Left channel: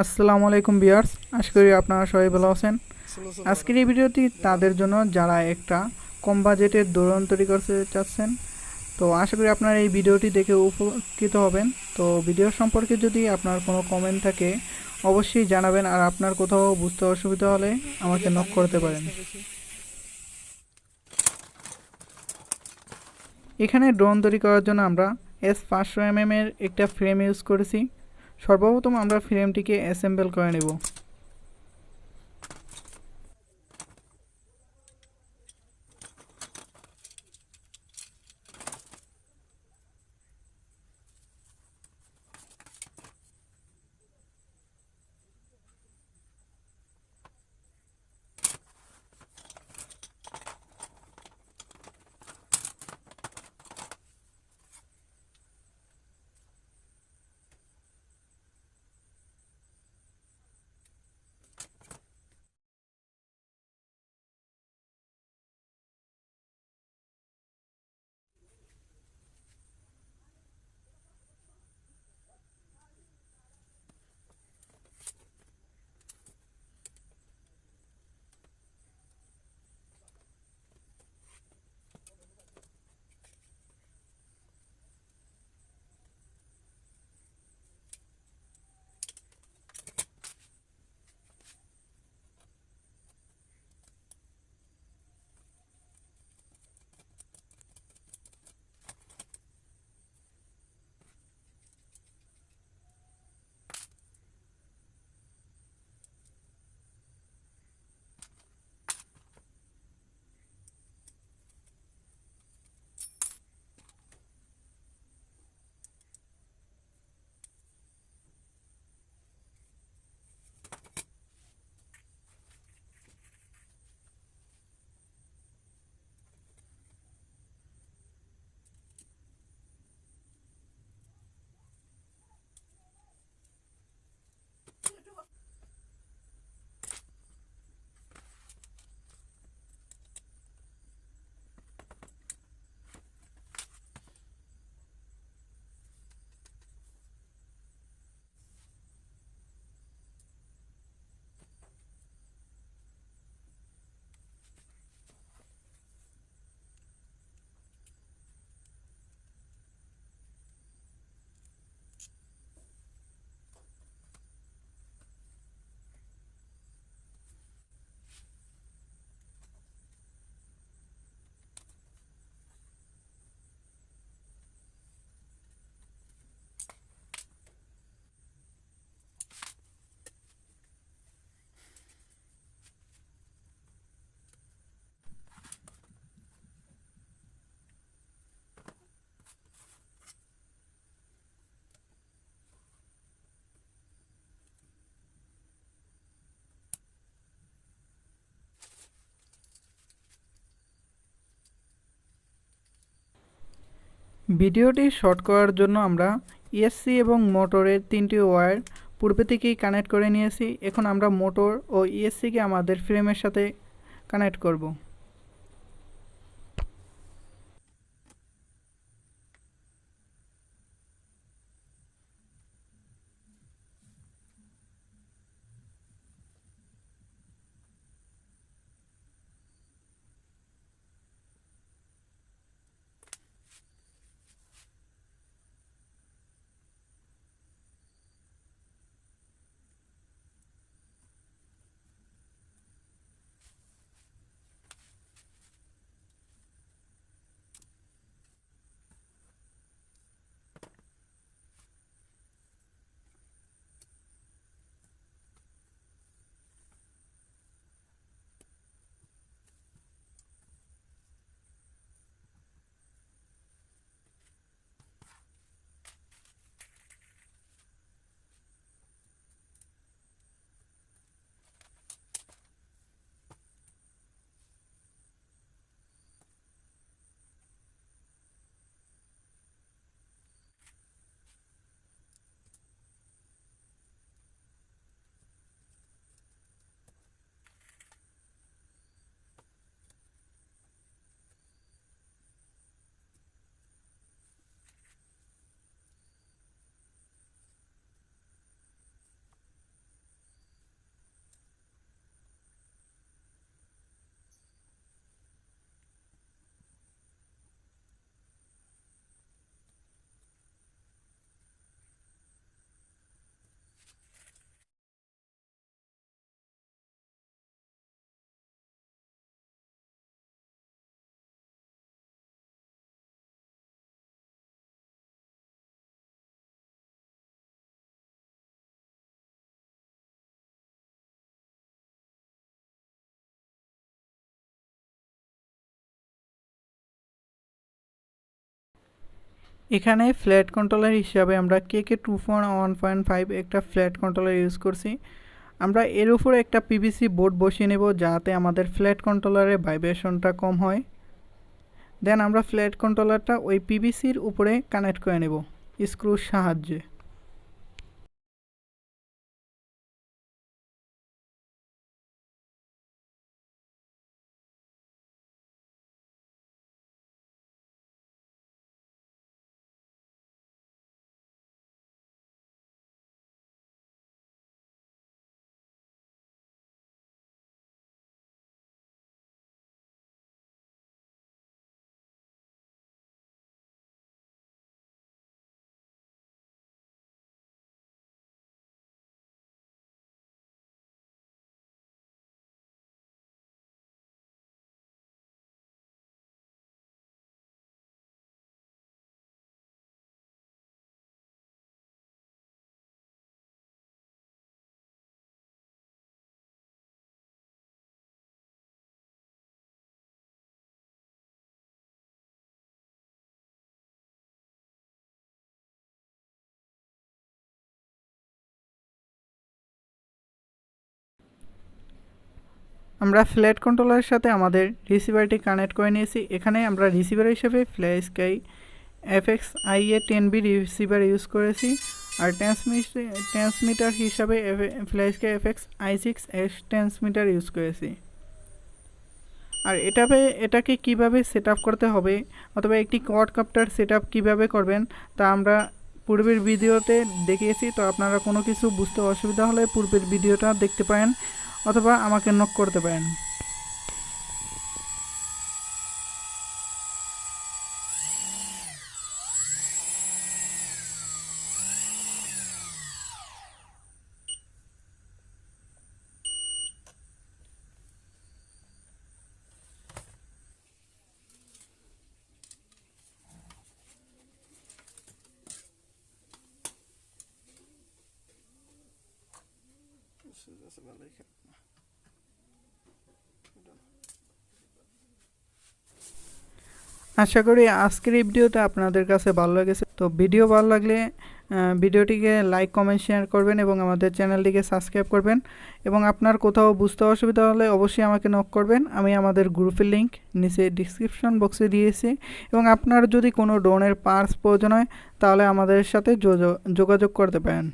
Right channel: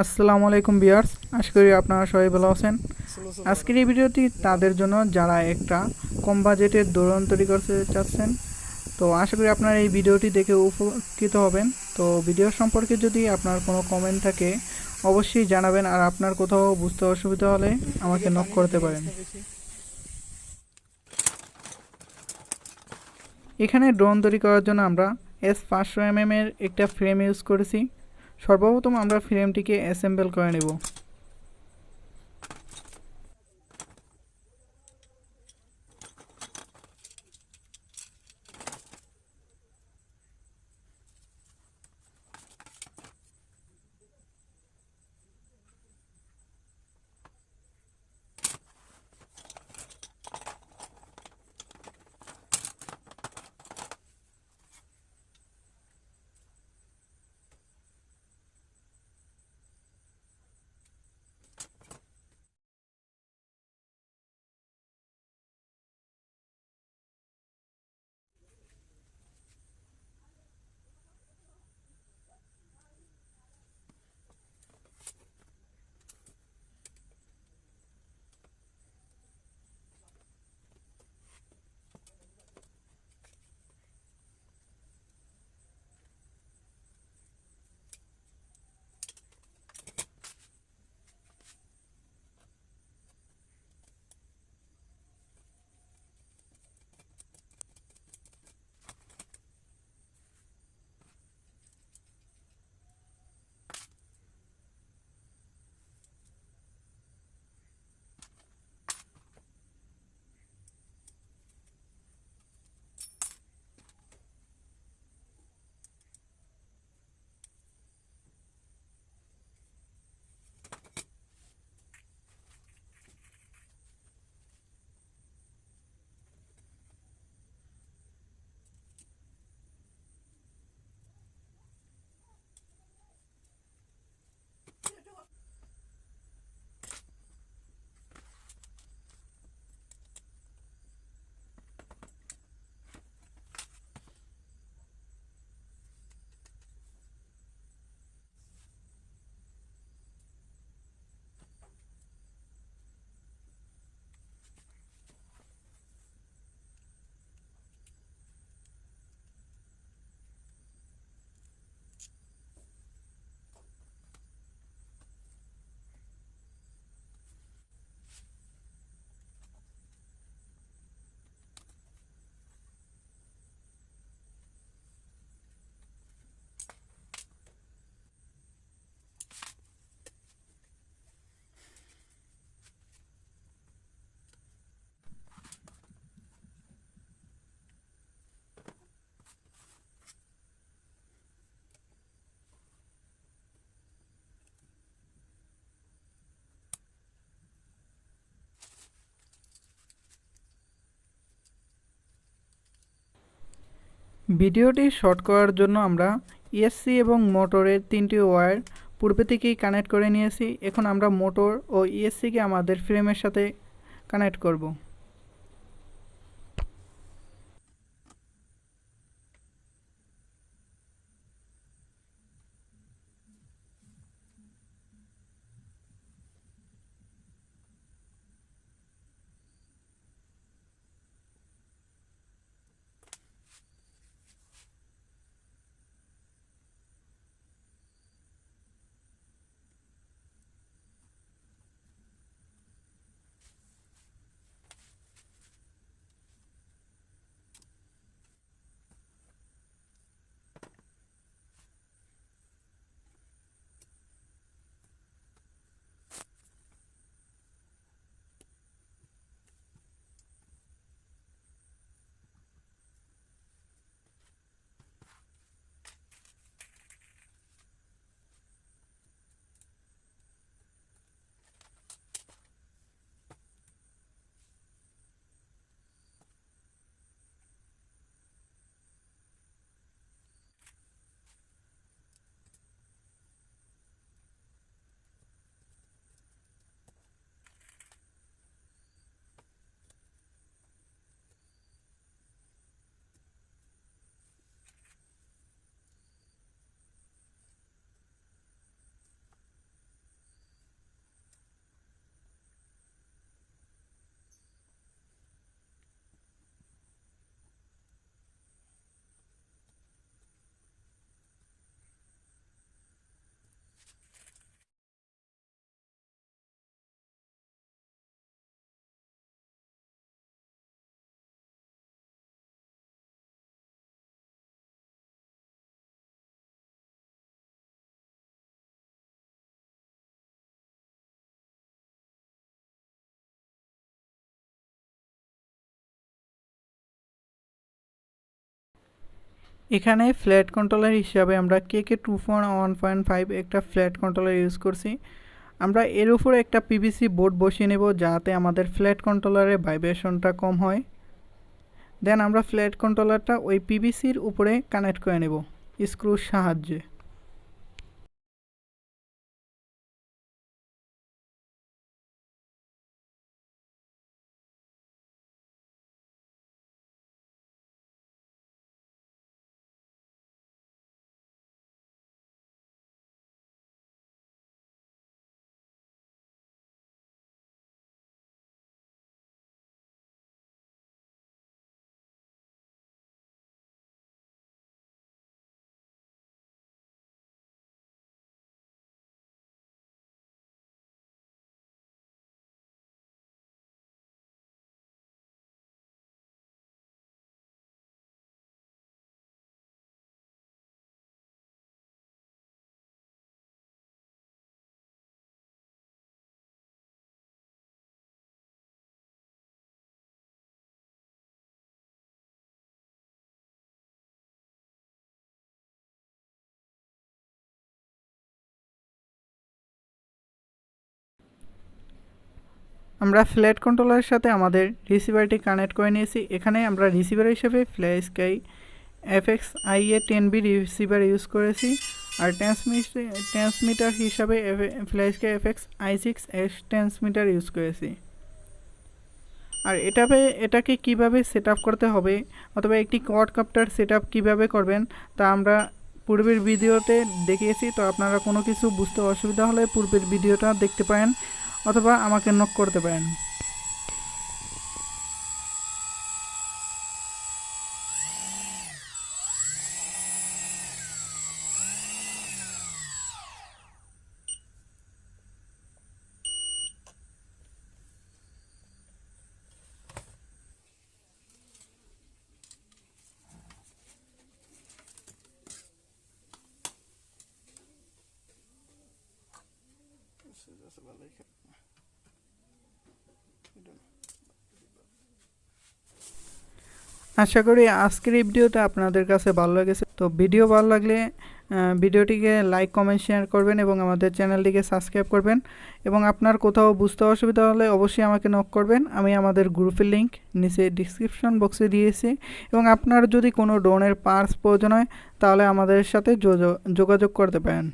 আসসালামু আলাইকুম ভিউয়ার্স, আশা করি আপনারা সবাই ভালো আছেন। আজকের এই ভিডিওটি তাদের জন্য যারা একটা কম বাজেটের ড্রোন তৈরি করতে চাচ্ছেন। তো আশা করি আপনারা এই ভিডিওটি দেখে উপকৃত হবেন। তো ভিডিও সম্পর্কে যদি আপনার কোনো কমেন্ট থাকে অবশ্যই জানাবেন, আর আপনার কোথাও বুঝতে অসুবিধা হলে আমাকে নক করতে পারেন। এখানে ড্রোন তৈরি করার জন্য আমরা S500 mm এর একটা ফ্রেম ইউজ করেছি। সর্বপ্রথম আমরা ফ্রেমটিকে অ্যাসেম্বল করে নেব। ভিডিওটি শর্ট করার জন্য আমরা ইএসসি এবং মোটরের তিনটি ওয়্যার পূর্বে থেকেই কানেক্ট করে নিয়েছি। এখন আমরা মোটর ও ইএসসিকে আমাদের ফ্রেমের সাথে কানেক্ট করব। এখানে ফ্ল্যাট কন্ট্রোলার হিসাবে আমরা KK241.5 একটা ফ্ল্যাট কন্ট্রোলার ইউজ করছি। আমরা এর উপরে একটা পিভিসি বোর্ড বসিয়ে নেব যাতে আমাদের ফ্ল্যাট কন্ট্রোলারের ভাইব্রেশনটা কম হয়। দেন আমরা ফ্ল্যাট কন্ট্রোলারটা ওই পিভিসির উপরে কানেক্ট করে নেব স্ক্রুর সাহায্যে। আমরা ফ্ল্যাট কন্ট্রোলারের সাথে আমাদের রিসিভারটি কানেক্ট করে নিয়েছি। এখানে আমরা রিসিভার হিসেবে FlySky FXIA10B রিসিভার ইউজ করেছি, আর ট্রান্সমিটার হিসাবে FlySky FXI6S ট্রান্সমিটার ইউজ করেছি। আর এটাকে কিভাবে সেট আপ করতে হবে অথবা একটি কোয়াডকপ্টার সেট আপ কীভাবে করবেন তা আমরা পূর্বের ভিডিওতে দেখিয়েছি। তো আপনারা কোনো কিছু বুঝতে অসুবিধা হলে পূর্বের ভিডিওটা দেখতে পারেন অথবা আমাকে নক করতে পারেন। আশা করি আজকের এই ভিডিওটা আপনাদের কাছে ভালো লেগেছে। তো ভিডিও ভালো লাগলে ভিডিওটিকে লাইক কমেন্ট শেয়ার করবেন এবং আমাদের চ্যানেলটিকে সাবস্ক্রাইব করবেন। এবং আপনার কোথাও বুঝতে অসুবিধা হলে অবশ্যই আমাকে নক করবেন। আমি আমাদের গ্রুপের লিঙ্ক নিচে ডিসক্রিপশন বক্সে দিয়েছি। এবং আপনার যদি কোনো ড্রোনের পার্টস প্রয়োজন হয় তাহলে আমাদের সাথে যোগাযোগ করতে পারেন।